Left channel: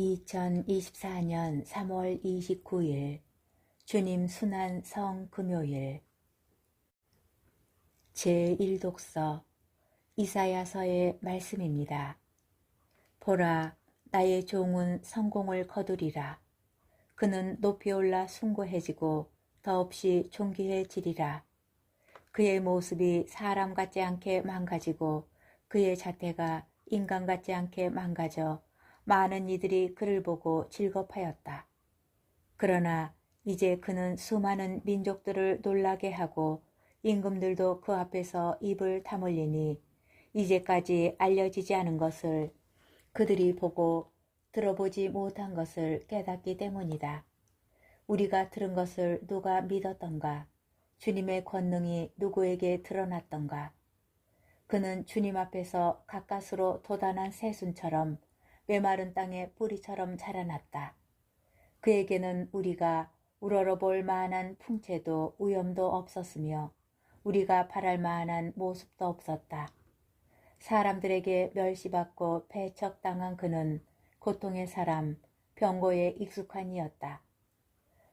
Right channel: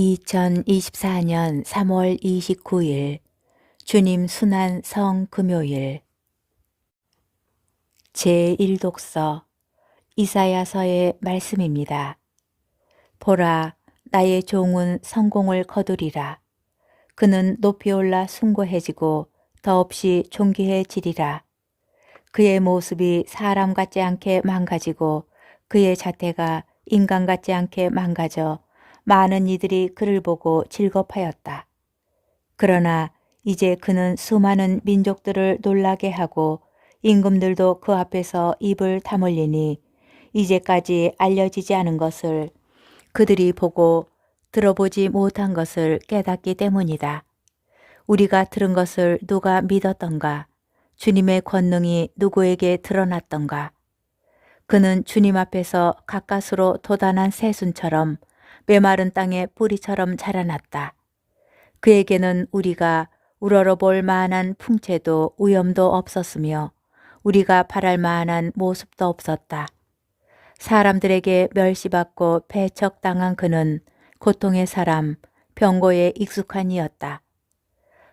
2024년 3월 29일 주님 순환 성 금요일 제1독서 이사야서의 말씀입니다. 보라, 나의 종은 성공을 거두리라. 그는 높이 올라 숭고해지고 더없이 존귀해지리라. 그의 모습이 사람 같지 않게 망가지고 그의 자태가 인간 같지 않게 망가져 많은 이들이 그를 보고 질겁하였다. 그러나 이제 그는 수많은 민족들을 놀라게 하고 임금들도 그 앞에서 입을 다물리니 이제까지 알려지지 않은 것을 그들이 보고 들어보지 못한 것을 깨닫기 때문이다. 우리가 들은 것을 누가 믿었던가? 주님의 권능이 누구에게 드러났던가? 그는 주님 앞에서 가까스로 돋아난 새순처럼 메마른 땅의 뿌리처럼 자라났다. 그에게는 우리가 우러러볼 만한 풍채도 위엄도 없었으며 우리가 바랄 만한 모습도 없었다. 사람들에게 멸시받고 배척당한 그는 고통의 사람, 병고에 익숙한 이였다.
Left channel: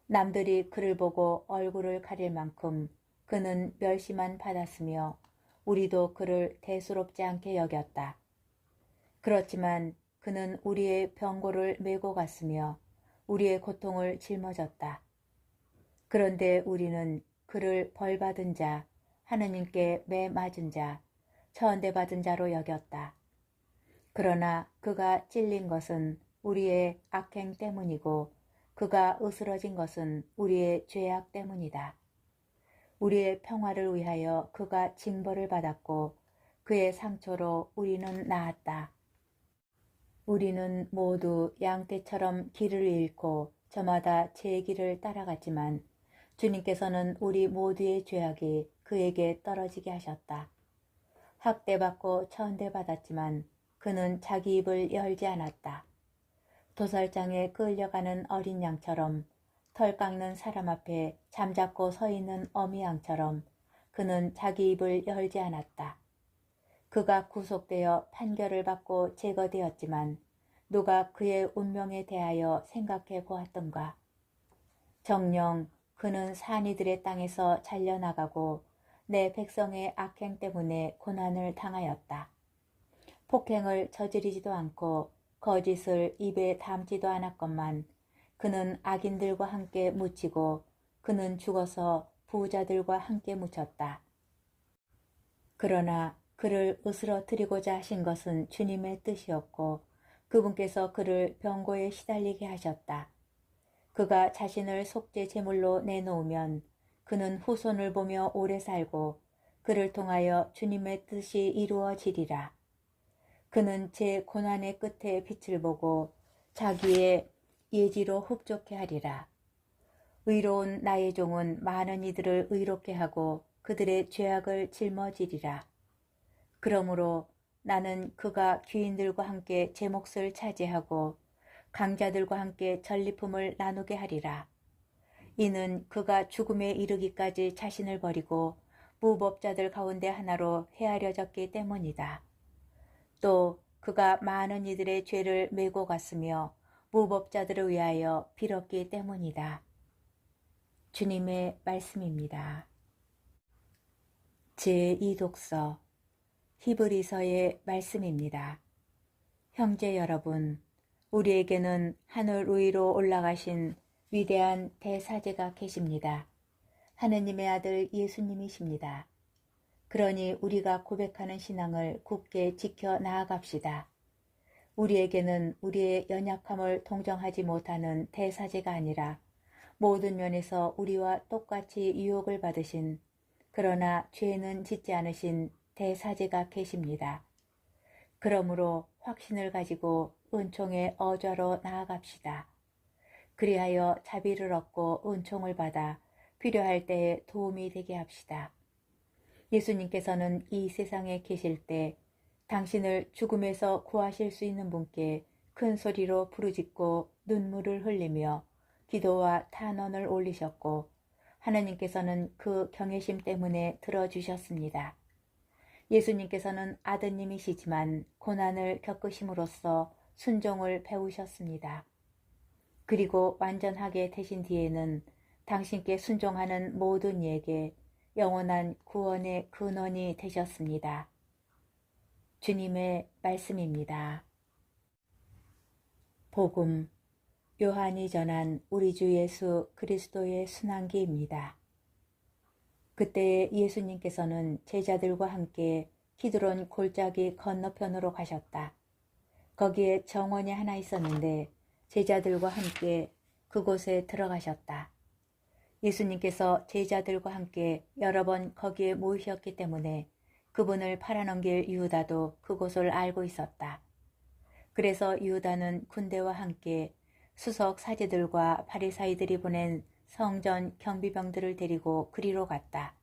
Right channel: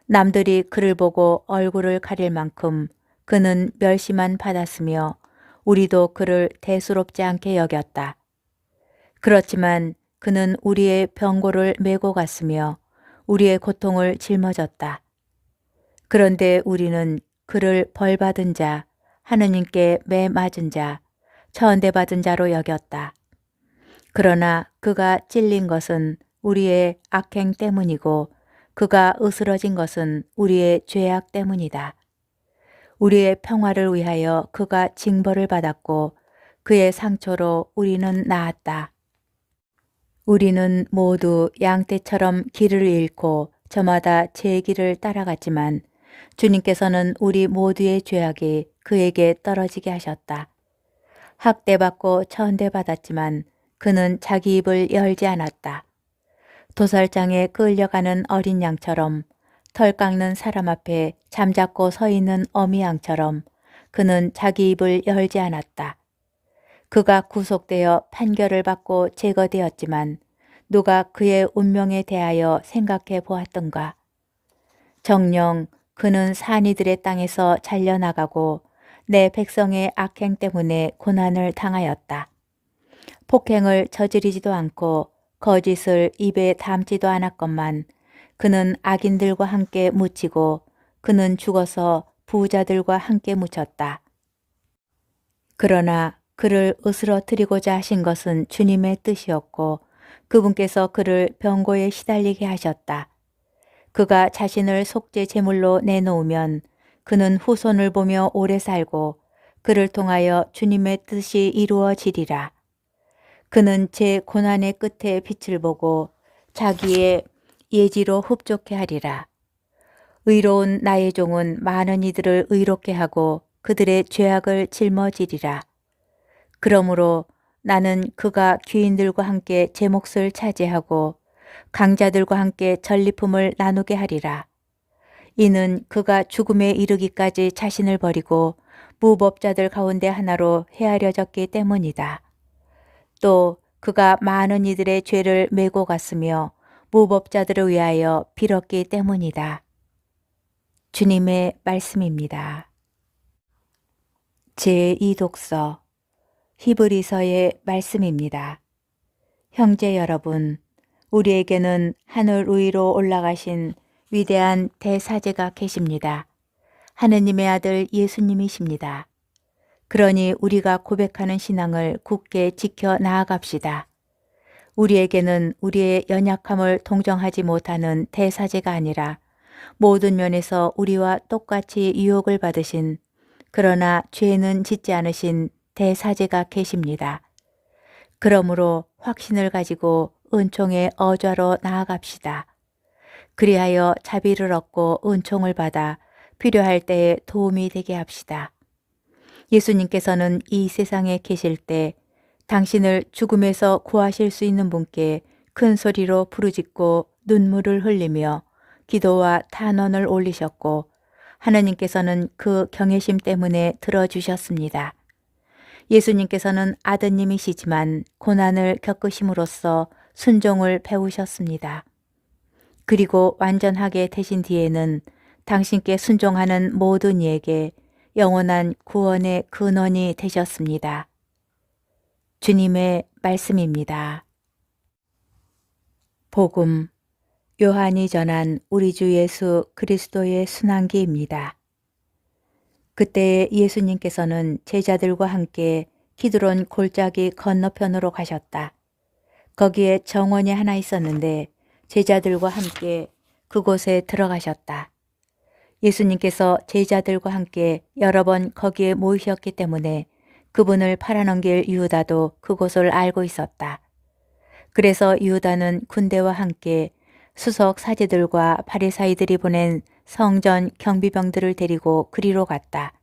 남들이 그를 보고 얼굴을 가릴 만큼 그는 멸시만 받았으며 우리도 그를 대수롭지 않게 여겼다. 그렇지만 그는 우리의 병고를 메고 갔으며 우리의 고통을 짊어졌다. 그런데 우리는 그를 벌받은 자, 하느님께 매 맞은 자, 천대받은 자로 여겼다. 그러나 그가 찔린 것은 우리의 악행 때문이고 그가 으스러진 것은 우리의 죄악 때문이다. 우리의 평화를 위하여 그가 징벌을 받았고 그의 상처로 우리는 나았다. 우리는 모두 양떼처럼 길을 잃고 저마다 제 길을 따라갔지만 주님께서는 우리 모두의 죄악이 그에게 떨어지게 하셨다. 학대받고 천대받았지만 그는 자기 입을 열지 않았다. 도살장에 끌려가는 어린 양처럼 털 깎는 사람 앞에 잠자코 서 있는 어미 양처럼 그는 자기 입을 열지 않았다. 그가 구속되어 판결을 받고 제거되었지만 누가 그의 운명에 대하여 생각해 보았던가? 정녕 그는 산이들의 땅에서 잘려나가고 내 백성의 악행 때문에 고난을 당하였다. 폭행을 저지르지도 않고 거짓을 입에 담지도 않았건만 그는 악인들과 함께 묻히고 그는 죽어서 부자들과 함께 묻혔다. 그러나 그를 으스러뜨리고자 하신 것은 주님의 뜻이었고 그분께서 그를 병고에 시달리게 하셨다. 그가 자신을 속죄 제물로 내놓으면 그는 후손을 보며 오래 살고 그를 통하여 주님의 뜻이 이루어지리라. 그는 제 고난의 끝에 빛을 보고 자기의 예지로 흡족해 하리라. 의로운 나의 종은 많은 이들을 의롭게 하고 그들의 죄악을 짊어지리라. 그러므로 나는 그가 귀인들과 함께 제 몫을 차지하고 강자들과 함께 전리품을 나누게 하리라. 이는 그가 죽음에 이르기까지 자신을 버리고 무법자들 가운데 하나로 헤아려졌기 때문이다. 또 그가 많은 이들의 죄를 메고 갔으며 무법자들을 위하여 빌었기 때문이다. 주님의 말씀입니다. 제2독서 히브리서의 말씀입니다. 형제 여러분, 우리에게는 하늘 위로 올라가신 위대한 대사제가 계십니다. 하느님의 아들 예수님이십니다. 그러니 우리가 고백하는 신앙을 굳게 지켜 나아갑시다. 우리에게는 우리의 연약함을 동정하지 못하는 대사제가 아니라 모든 면에서 우리와 똑같이 유혹을 받으신 그러나 죄는 짓지 않으신 대사제가 계십니다. 그러므로 확신을 가지고 은총의 어좌로 나아갑시다. 그리하여 자비를 얻고 은총을 받아 필요할 때에 도움이 되게 합시다. 예수님께서는 이 세상에 계실 때 당신을 죽음에서 구하실 수 있는 분께 큰 소리로 부르짖고 눈물을 흘리며 기도와 탄원을 올리셨고 하나님께서는 그 경외심 때문에 들어주셨습니다. 예수님께서는 아드님이시지만 고난을 겪으심으로써 순종을 배우셨습니다. 그리고 완전하게 되신 뒤에는 당신께 순종하는 모든 이에게 영원한 구원의 근원이 되셨습니다. 주님의 말씀입니다. 복음 요한이 전한 우리 주 예수 그리스도의 순환기입니다. 그때 예수님께서는 제자들과 함께 기드론 골짜기 건너편으로 가셨다. 거기에 정원이 하나 있었는데 제자들과 함께 그곳에 들어가셨다. 예수님께서 제자들과 함께 여러 번 거기에 모이셨기 때문에 그분을 팔아넘길 유다도 그곳을 알고 있었다. 그래서 유다는 군대와 함께 수석 사제들과 바리사이들이 보낸 성전 경비병들을 데리고 그리로 갔다.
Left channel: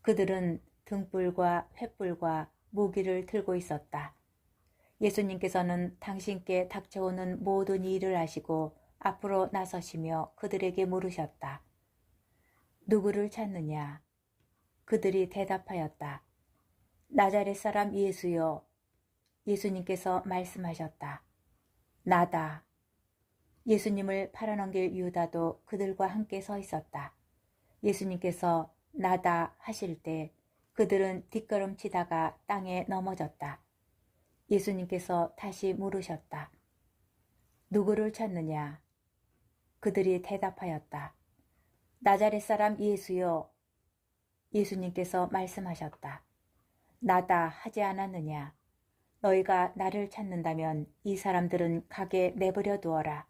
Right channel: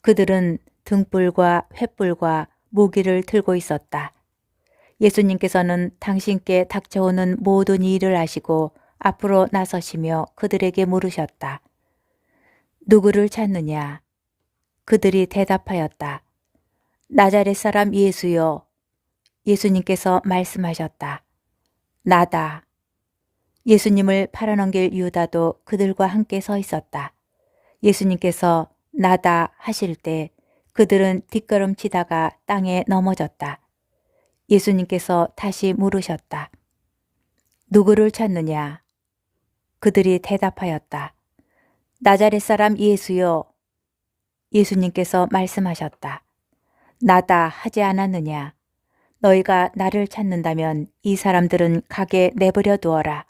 그들은 등불과 횃불과 무기를 들고 있었다. 예수님께서는 당신께 닥쳐오는 모든 일을 아시고 앞으로 나서시며 그들에게 물으셨다. 누구를 찾느냐? 그들이 대답하였다. 나자렛 사람 예수요. 예수님께서 말씀하셨다. 나다. 예수님을 팔아넘길 유다도 그들과 함께 서 있었다. 예수님께서 나다 하실 때 그들은 뒷걸음치다가 땅에 넘어졌다. 예수님께서 다시 물으셨다. 누구를 찾느냐? 그들이 대답하였다. 나자렛 사람 예수요. 예수님께서 말씀하셨다. 나다 하지 않았느냐? 너희가 나를 찾는다면 이 사람들은 가게 내버려 두어라.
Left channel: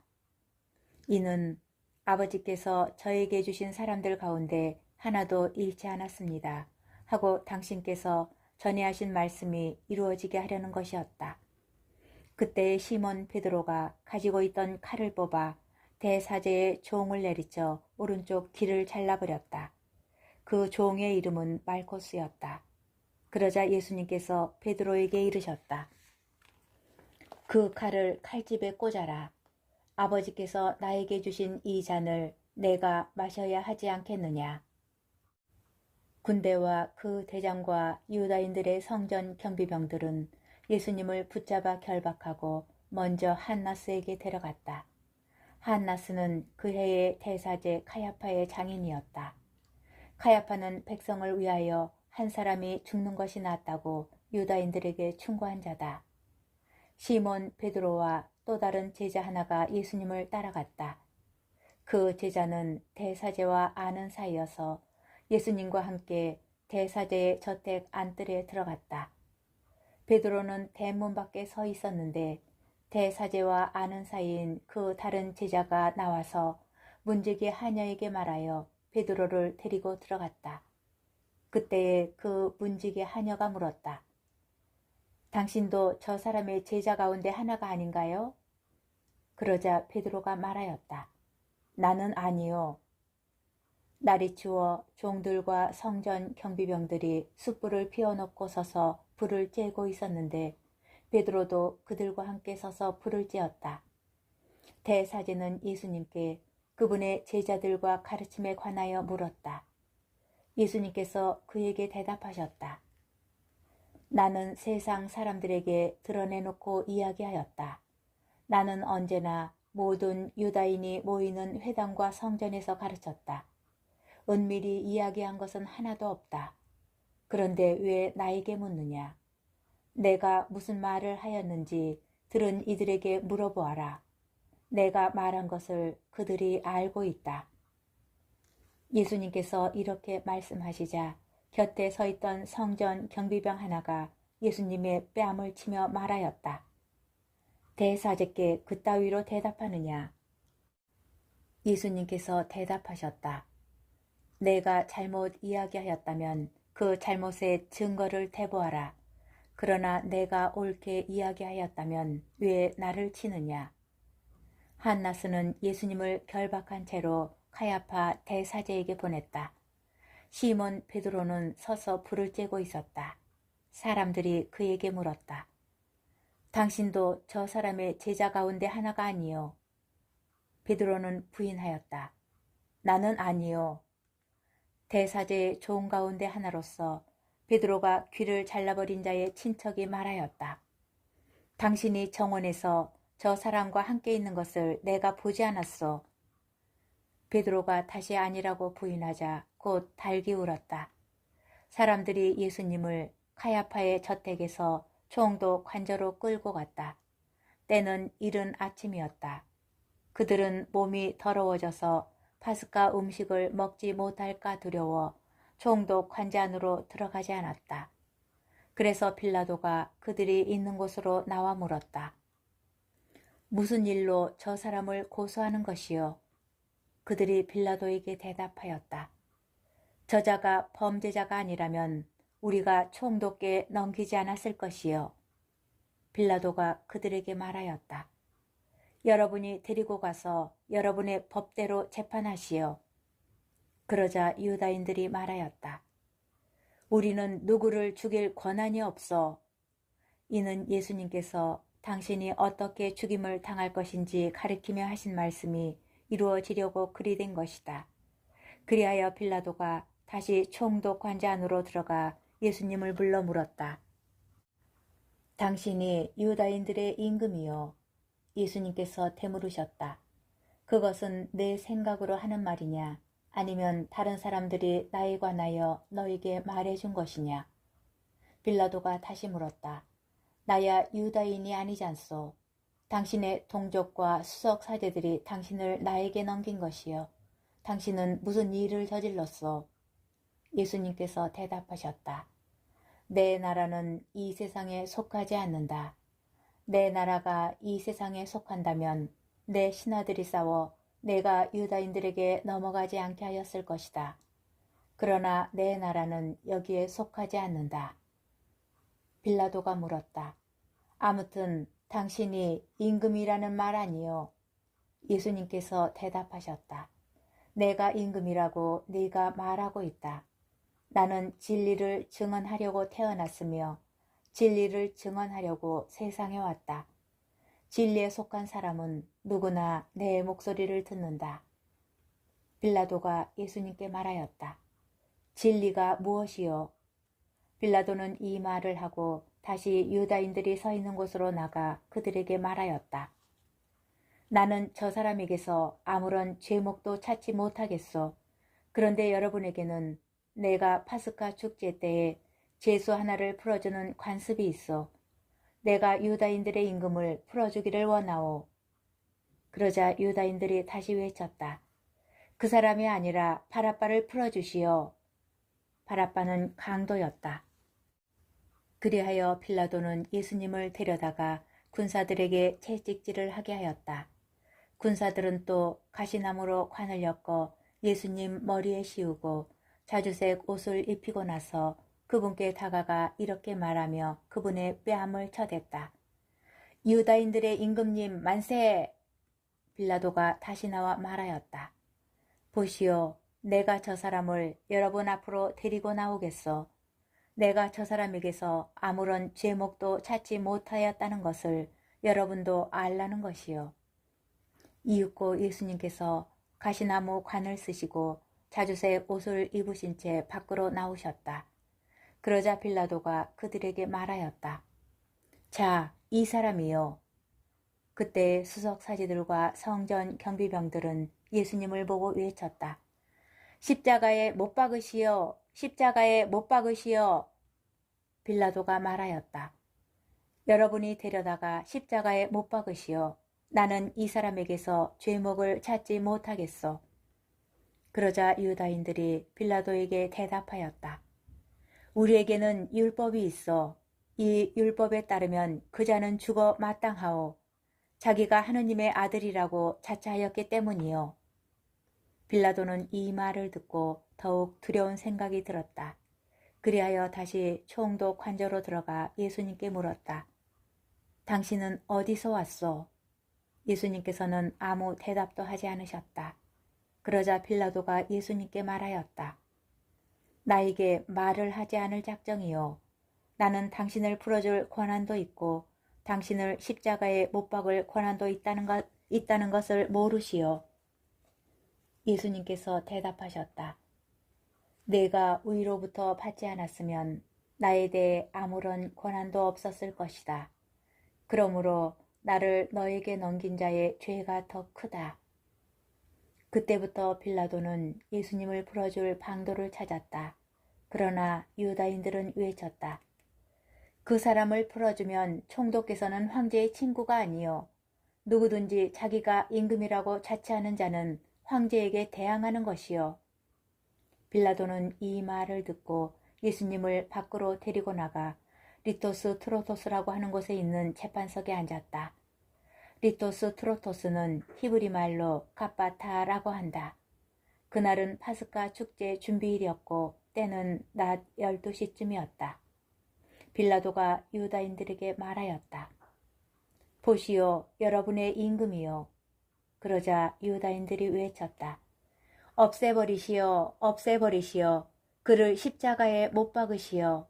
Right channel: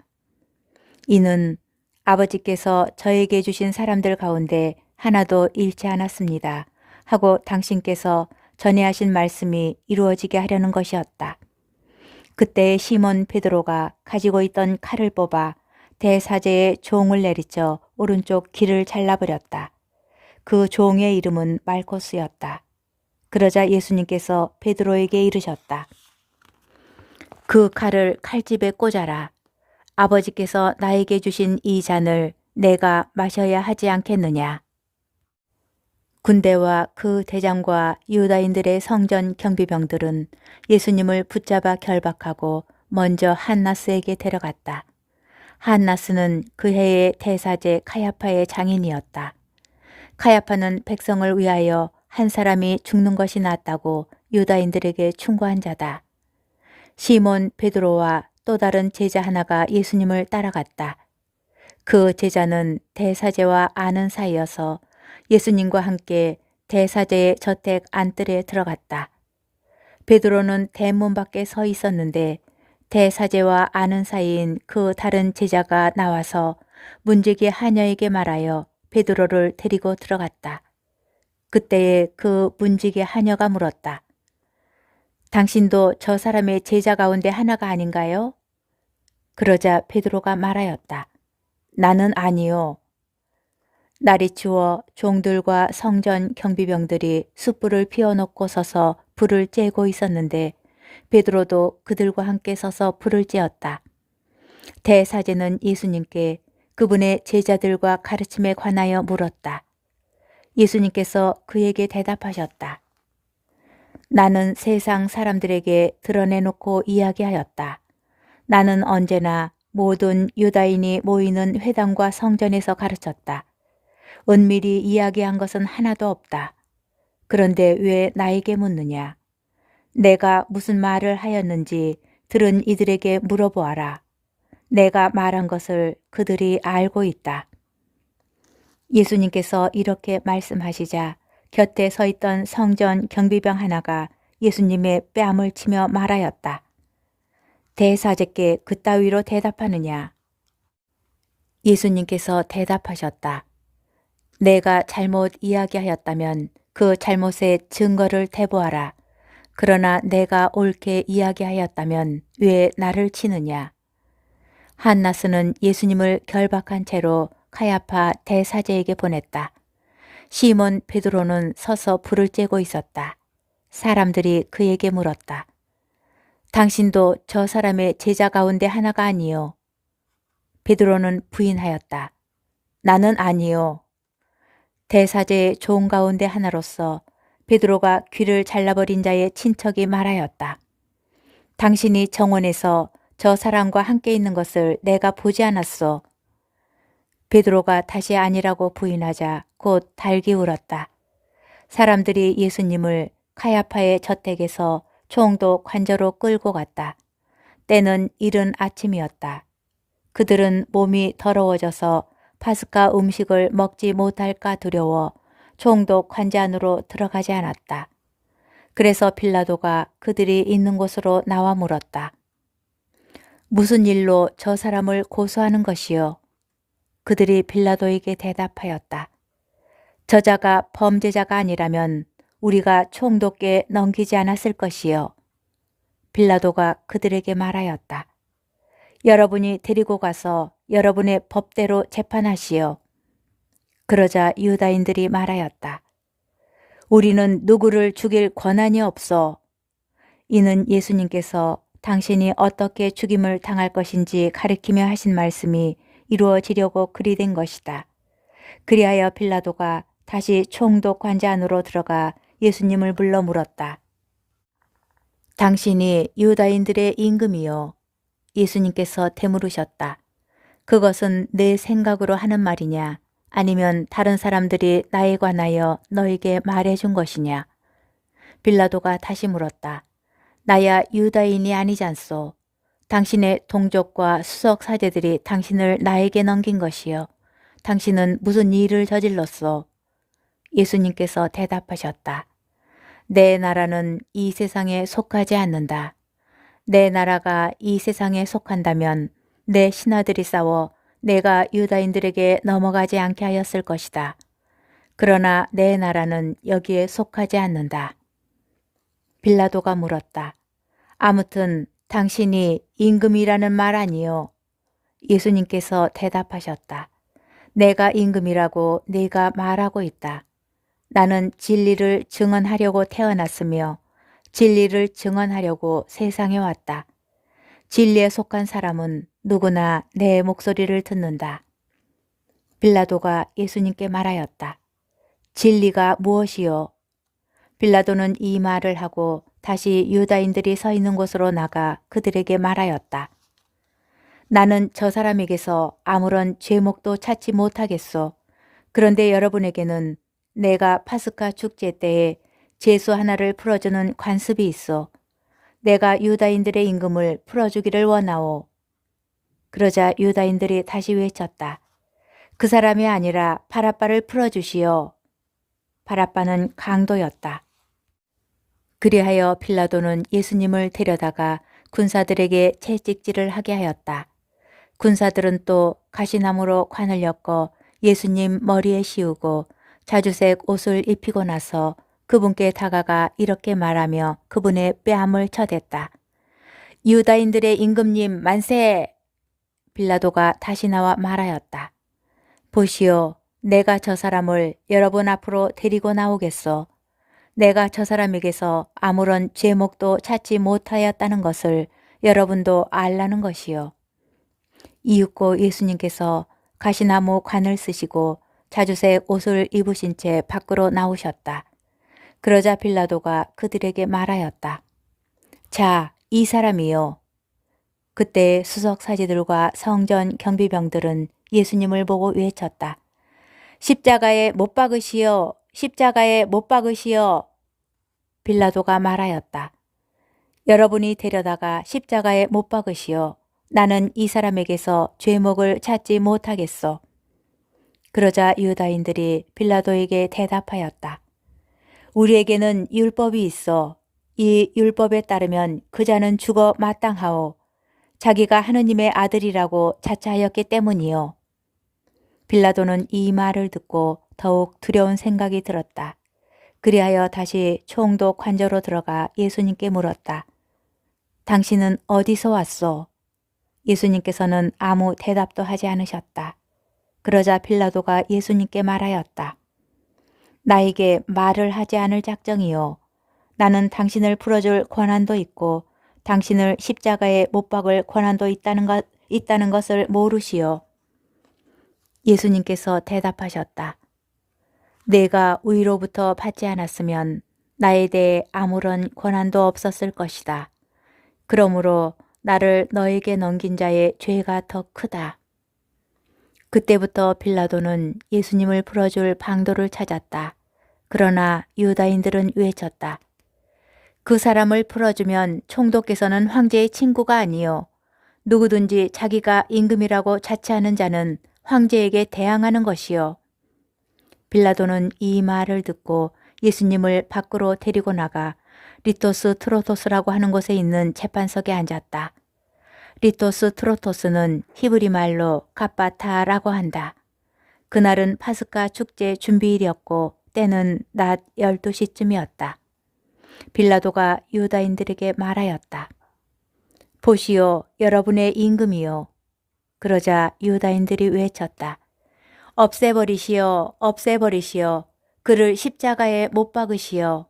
이는 아버지께서 저에게 주신 사람들 가운데 하나도 잃지 않았습니다. 하고 당신께서 전에 하신 말씀이 이루어지게 하려는 것이었다. 그때 시몬 베드로가 가지고 있던 칼을 뽑아 대사제의 종을 내리쳐 오른쪽 귀를 잘라버렸다. 그 종의 이름은 말코스였다. 그러자 예수님께서 베드로에게 이르셨다. 그 칼을 칼집에 꽂아라. 아버지께서 나에게 주신 이 잔을 내가 마셔야 하지 않겠느냐. 군대와 그 대장과 유다인들의 성전 경비병들은 예수님을 붙잡아 결박하고 먼저 한나스에게 데려갔다. 한나스는 그 해의 대사제 카야파의 장인이었다. 카야파는 백성을 위하여 한 사람이 죽는 것이 낫다고 유다인들에게 충고한 자다. 시몬 베드로와 또 다른 제자 하나가 예수님을 따라갔다. 그 제자는 대사제와 아는 사이여서 예수님과 함께 대사제의 저택 안뜰에 들어갔다. 베드로는 대문 밖에 서 있었는데 대사제와 아는 사이인 그 다른 제자가 나와서 문지기 하녀에게 말하여 베드로를 데리고 들어갔다. 그때에 그 문지기 하녀가 물었다. 당신도 저 사람의 제자 가운데 하나가 아닌가요? 그러자 베드로가 말하였다. 나는 아니요. 날이 추워 종들과 성전 경비병들이 숯불을 피워놓고 서서 불을 쬐고 있었는데 베드로도 그들과 함께 서서 불을 쬐었다. 대사제는 예수님께 그분의 제자들과 가르침에 관하여 물었다. 예수님께서 그에게 대답하셨다. 나는 세상 사람들에게 드러내놓고 이야기하였다. 나는 언제나 모든 유다인이 모이는 회당과 성전에서 가르쳤다. 은밀히 이야기한 것은 하나도 없다. 그런데 왜 나에게 묻느냐? 내가 무슨 말을 하였는지 들은 이들에게 물어보아라. 내가 말한 것을 그들이 알고 있다. 예수님께서 이렇게 말씀하시자 곁에 서 있던 성전 경비병 하나가 예수님의 뺨을 치며 말하였다. 대사제께 그따위로 대답하느냐? 예수님께서 대답하셨다. 내가 잘못 이야기하였다면 그 잘못의 증거를 대보아라. 그러나 내가 옳게 이야기하였다면 왜 나를 치느냐? 한나스는 예수님을 결박한 채로 카야파 대사제에게 보냈다. 시몬 베드로는 서서 불을 쬐고 있었다. 사람들이 그에게 물었다. 당신도 저 사람의 제자 가운데 하나가 아니요. 베드로는 부인하였다. 나는 아니요. 대사제의 종 가운데 하나로서 베드로가 귀를 잘라버린 자의 친척이 말하였다. 당신이 정원에서 저 사람과 함께 있는 것을 내가 보지 않았소. 베드로가 다시 아니라고 부인하자 곧 달기 울었다. 사람들이 예수님을 카야파의 저택에서 총독 관저로 끌고 갔다. 때는 이른 아침이었다. 그들은 몸이 더러워져서 파스카 음식을 먹지 못할까 두려워 총독 관저 안으로 들어가지 않았다. 그래서 빌라도가 그들이 있는 곳으로 나와 물었다. 무슨 일로 저 사람을 고소하는 것이요? 그들이 빌라도에게 대답하였다. 저자가 범죄자가 아니라면 우리가 총독께 넘기지 않았을 것이요. 빌라도가 그들에게 말하였다. 여러분이 데리고 가서 여러분의 법대로 재판하시오. 그러자 유다인들이 말하였다. 우리는 누구를 죽일 권한이 없어. 이는 예수님께서 당신이 어떻게 죽임을 당할 것인지 가리키며 하신 말씀이 이루어지려고 그리 된 것이다. 그리하여 빌라도가 다시 총독 관저 안으로 들어가 예수님을 불러 물었다. 당신이 유다인들의 임금이요. 예수님께서 되물으셨다. 그것은 내 생각으로 하는 말이냐? 아니면 다른 사람들이 나에 관하여 너에게 말해준 것이냐? 빌라도가 다시 물었다. 나야 유다인이 아니잖소. 당신의 동족과 수석 사제들이 당신을 나에게 넘긴 것이요. 당신은 무슨 일을 저질렀소? 예수님께서 대답하셨다. 내 나라는 이 세상에 속하지 않는다. 내 나라가 이 세상에 속한다면 내 신하들이 싸워 내가 유다인들에게 넘어가지 않게 하였을 것이다. 그러나 내 나라는 여기에 속하지 않는다. 빌라도가 물었다. 아무튼 당신이 임금이라는 말 아니요? 예수님께서 대답하셨다. 내가 임금이라고 네가 말하고 있다. 나는 진리를 증언하려고 태어났으며 진리를 증언하려고 세상에 왔다. 진리에 속한 사람은 누구나 내 목소리를 듣는다. 빌라도가 예수님께 말하였다. 진리가 무엇이요? 빌라도는 이 말을 하고 다시 유다인들이 서 있는 곳으로 나가 그들에게 말하였다. 나는 저 사람에게서 아무런 죄목도 찾지 못하겠소. 그런데 여러분에게는 내가 파스카 축제 때에 제수 하나를 풀어주는 관습이 있어. 내가 유다인들의 임금을 풀어주기를 원하오. 그러자 유다인들이 다시 외쳤다. 그 사람이 아니라 바라바를 풀어주시오. 바라바는 강도였다. 그리하여 빌라도는 예수님을 데려다가 군사들에게 채찍질을 하게 하였다. 군사들은 또 가시나무로 관을 엮어 예수님 머리에 씌우고 자주색 옷을 입히고 나서 그분께 다가가 이렇게 말하며 그분의 뺨을 쳐댔다. 유다인들의 임금님 만세! 빌라도가 다시 나와 말하였다. 보시오, 내가 저 사람을 여러분 앞으로 데리고 나오겠소. 내가 저 사람에게서 아무런 죄목도 찾지 못하였다는 것을 여러분도 알라는 것이요. 이윽고 예수님께서 가시나무 관을 쓰시고 자주색 옷을 입으신 채 밖으로 나오셨다. 그러자 빌라도가 그들에게 말하였다. 자, 이 사람이요. 그때 수석 사제들과 성전 경비병들은 예수님을 보고 외쳤다. 십자가에 못 박으시오. 십자가에 못 박으시오. 빌라도가 말하였다. 여러분이 데려다가 십자가에 못 박으시오. 나는 이 사람에게서 죄목을 찾지 못하겠소. 그러자 유다인들이 빌라도에게 대답하였다. 우리에게는 율법이 있어. 이 율법에 따르면 그 자는 죽어 마땅하오. 자기가 하느님의 아들이라고 자처하였기 때문이요. 빌라도는 이 말을 듣고 더욱 두려운 생각이 들었다. 그리하여 다시 총독 관저로 들어가 예수님께 물었다. 당신은 어디서 왔소? 예수님께서는 아무 대답도 하지 않으셨다. 그러자 빌라도가 예수님께 말하였다. 나에게 말을 하지 않을 작정이요. 나는 당신을 풀어줄 권한도 있고 당신을 십자가에 못 박을 권한도 있다는 것을 모르시오. 예수님께서 대답하셨다. 내가 위로부터 받지 않았으면 나에 대해 아무런 권한도 없었을 것이다. 그러므로 나를 너에게 넘긴 자의 죄가 더 크다. 그때부터 빌라도는 예수님을 풀어줄 방도를 찾았다. 그러나 유다인들은 외쳤다. 그 사람을 풀어주면 총독께서는 황제의 친구가 아니요 누구든지 자기가 임금이라고 자처하는 자는 황제에게 대항하는 것이요. 빌라도는 이 말을 듣고 예수님을 밖으로 데리고 나가 리토스 트로토스라고 하는 곳에 있는 재판석에 앉았다. 리토스 트로토스는 히브리 말로 갑바타라고 한다. 그날은 파스카 축제 준비일이었고 때는 낮 12시쯤이었다. 빌라도가 유다인들에게 말하였다. 보시오, 여러분의 임금이요. 그러자 유다인들이 외쳤다. 없애버리시오, 없애버리시오. 그를 십자가에 못 박으시오.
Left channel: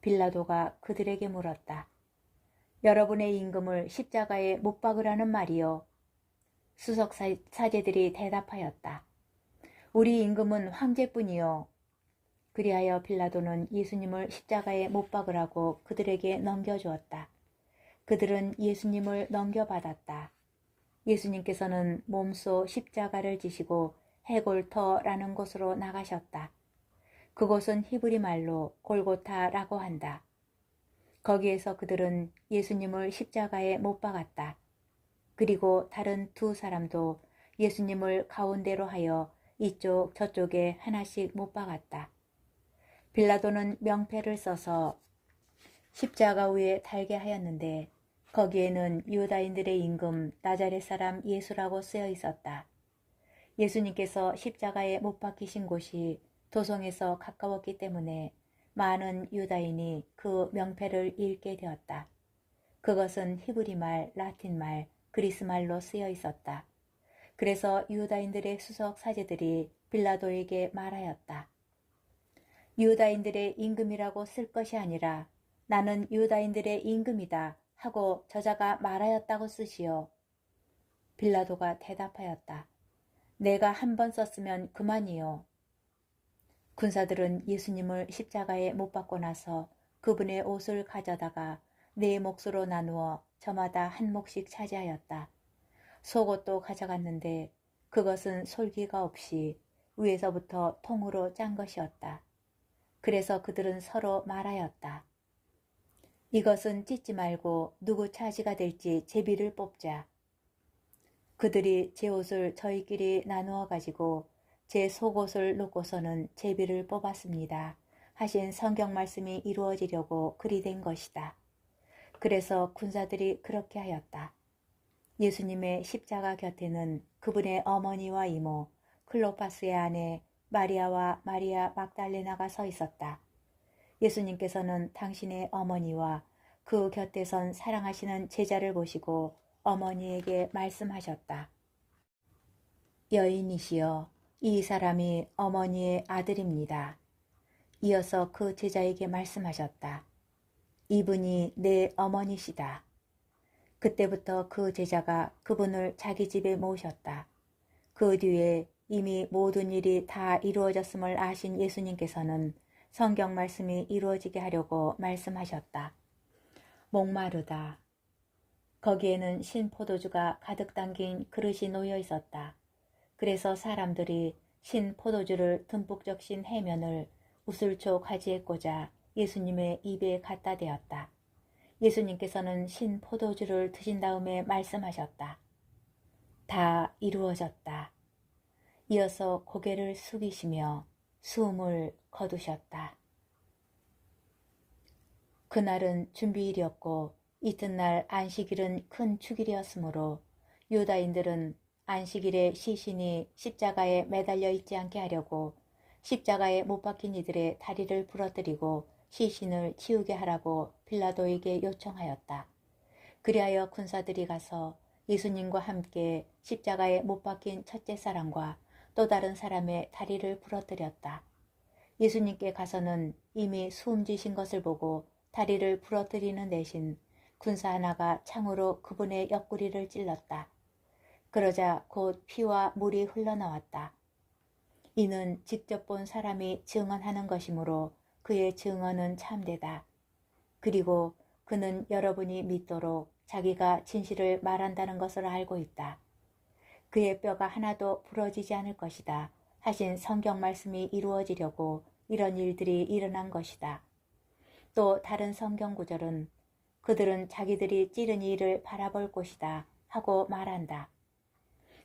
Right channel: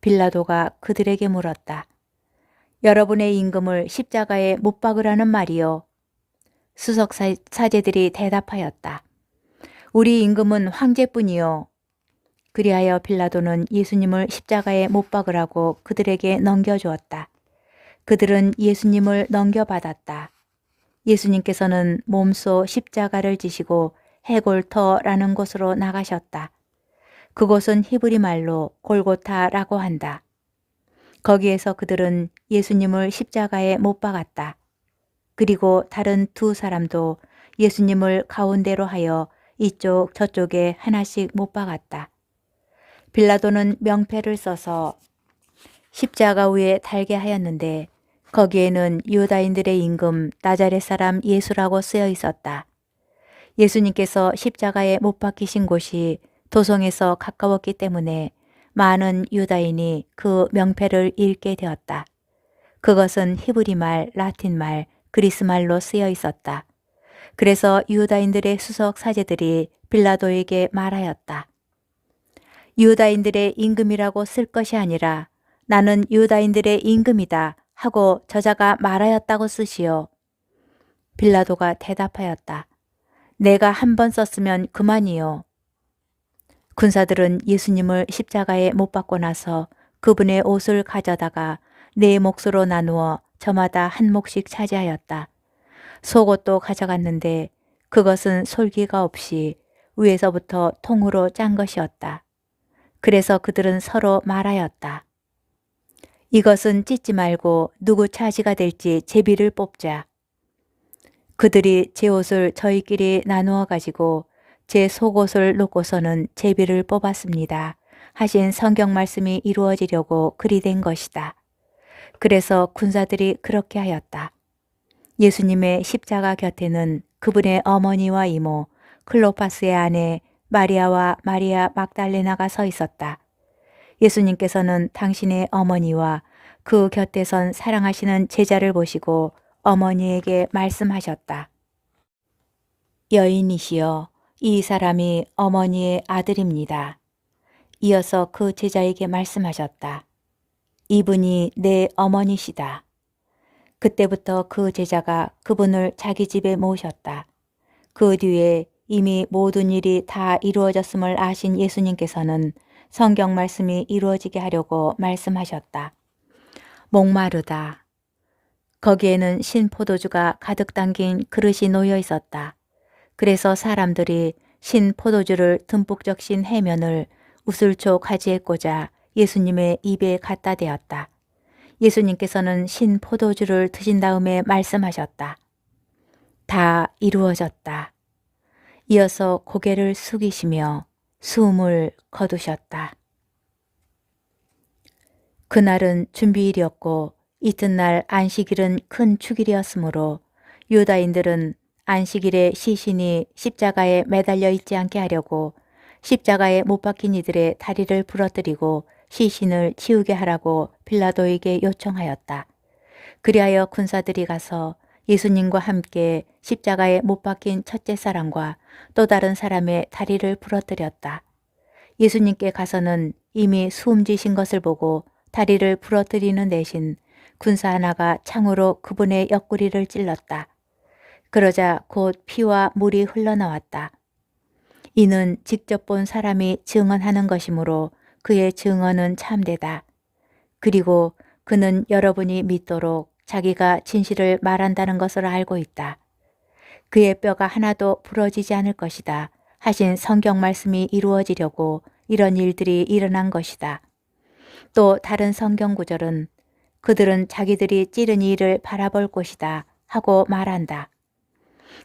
빌라도가 그들에게 물었다. 여러분의 임금을 십자가에 못 박으라는 말이요. 수석 사제들이 대답하였다. 우리 임금은 황제뿐이요. 그리하여 빌라도는 예수님을 십자가에 못 박으라고 그들에게 넘겨주었다. 그들은 예수님을 넘겨받았다. 예수님께서는 몸소 십자가를 지시고 해골터라는 곳으로 나가셨다. 그곳은 히브리 말로 골고타라고 한다. 거기에서 그들은 예수님을 십자가에 못 박았다. 그리고 다른 두 사람도 예수님을 가운데로 하여 이쪽 저쪽에 하나씩 못 박았다. 빌라도는 명패를 써서 십자가 위에 달게 하였는데 거기에는 유다인들의 임금 나자렛 사람 예수라고 쓰여 있었다. 예수님께서 십자가에 못 박히신 곳이 도성에서 가까웠기 때문에 많은 유다인이 그 명패를 읽게 되었다. 그것은 히브리 말, 라틴 말, 그리스 말로 쓰여 있었다. 그래서 유다인들의 수석 사제들이 빌라도에게 말하였다. 유다인들의 임금이라고 쓸 것이 아니라 나는 유다인들의 임금이다 하고 저자가 말하였다고 쓰시오. 빌라도가 대답하였다. 내가 한 번 썼으면 그만이요. 군사들은 예수님을 십자가에 못 박고 나서 그분의 옷을 가져다가 네 몫으로 나누어 저마다 한 몫씩 차지하였다. 속옷도 가져갔는데 그것은 솔기가 없이 위에서부터 통으로 짠 것이었다. 그래서 그들은 서로 말하였다. 이것은 찢지 말고 누구 차지가 될지 제비를 뽑자. 그들이 제 옷을 저희끼리 나누어 가지고 제 속옷을 놓고서는 제비를 뽑았습니다. 하신 성경 말씀이 이루어지려고 그리 된 것이다. 그래서 군사들이 그렇게 하였다. 예수님의 십자가 곁에는 그분의 어머니와 이모, 클로파스의 아내 마리아와 마리아 막달레나가 서 있었다. 예수님께서는 당신의 어머니와 그 곁에 선 사랑하시는 제자를 보시고 어머니에게 말씀하셨다. 여인이시여, 이 사람이 어머니의 아들입니다. 이어서 그 제자에게 말씀하셨다. 이분이 내 어머니시다. 그때부터 그 제자가 그분을 자기 집에 모셨다. 그 뒤에 이미 모든 일이 다 이루어졌음을 아신 예수님께서는 성경 말씀이 이루어지게 하려고 말씀하셨다. 목마르다. 거기에는 신포도주가 가득 담긴 그릇이 놓여 있었다. 그래서 사람들이 신포도주를 듬뿍 적신 해면을 우슬초 가지에 꽂아 예수님의 입에 갖다 대었다. 예수님께서는 신포도주를 드신 다음에 말씀하셨다. 다 이루어졌다. 이어서 고개를 숙이시며 숨을 거두셨다. 그날은 준비일이었고 이튿날 안식일은 큰 축일이었으므로 유다인들은 안식일에 시신이 십자가에 매달려 있지 않게 하려고 십자가에 못 박힌 이들의 다리를 부러뜨리고 시신을 치우게 하라고 빌라도에게 요청하였다. 그리하여 군사들이 가서 예수님과 함께 십자가에 못 박힌 첫째 사람과 또 다른 사람의 다리를 부러뜨렸다. 예수님께 가서는 이미 숨지신 것을 보고 다리를 부러뜨리는 대신 군사 하나가 창으로 그분의 옆구리를 찔렀다. 그러자 곧 피와 물이 흘러나왔다. 이는 직접 본 사람이 증언하는 것이므로 그의 증언은 참되다. 그리고 그는 여러분이 믿도록 자기가 진실을 말한다는 것을 알고 있다. 그의 뼈가 하나도 부러지지 않을 것이다 하신 성경 말씀이 이루어지려고 이런 일들이 일어난 것이다. 또 다른 성경 구절은 그들은 자기들이 찌른 이를 바라볼 것이다 하고 말한다.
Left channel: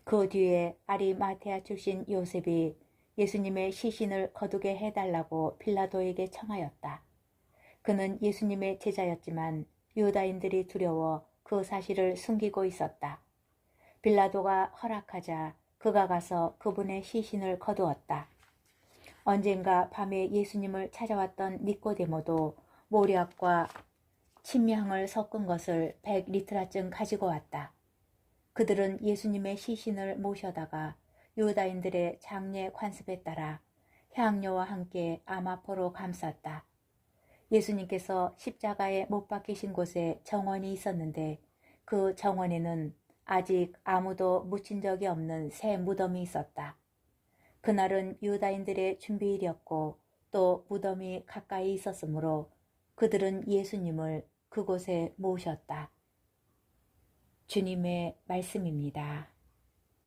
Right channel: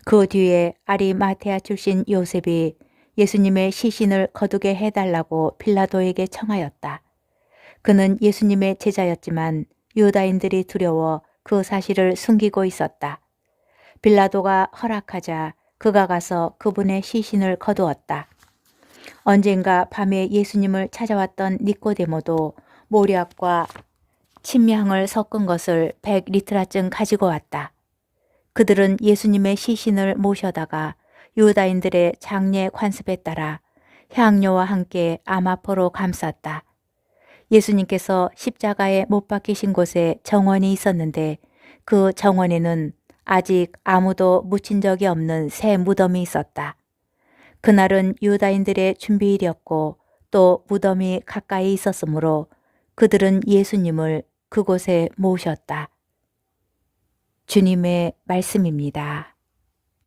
그 뒤에 아리마테아 출신 요셉이 예수님의 시신을 거두게 해달라고 빌라도에게 청하였다. 그는 예수님의 제자였지만 유다인들이 두려워 그 사실을 숨기고 있었다. 빌라도가 허락하자 그가 가서 그분의 시신을 거두었다. 언젠가 밤에 예수님을 찾아왔던 니꼬데모도 모략과 침향을 섞은 것을 100리트라쯤 가지고 왔다. 그들은 예수님의 시신을 모셔다가 유다인들의 장례 관습에 따라 향료와 함께 아마포로 감쌌다. 예수님께서 십자가에 못 박히신 곳에 정원이 있었는데 그 정원에는 아직 아무도 묻힌 적이 없는 새 무덤이 있었다. 그날은 유다인들의 준비일이었고 또 무덤이 가까이 있었으므로 그들은 예수님을 그곳에 모셨다. 주님의 말씀입니다.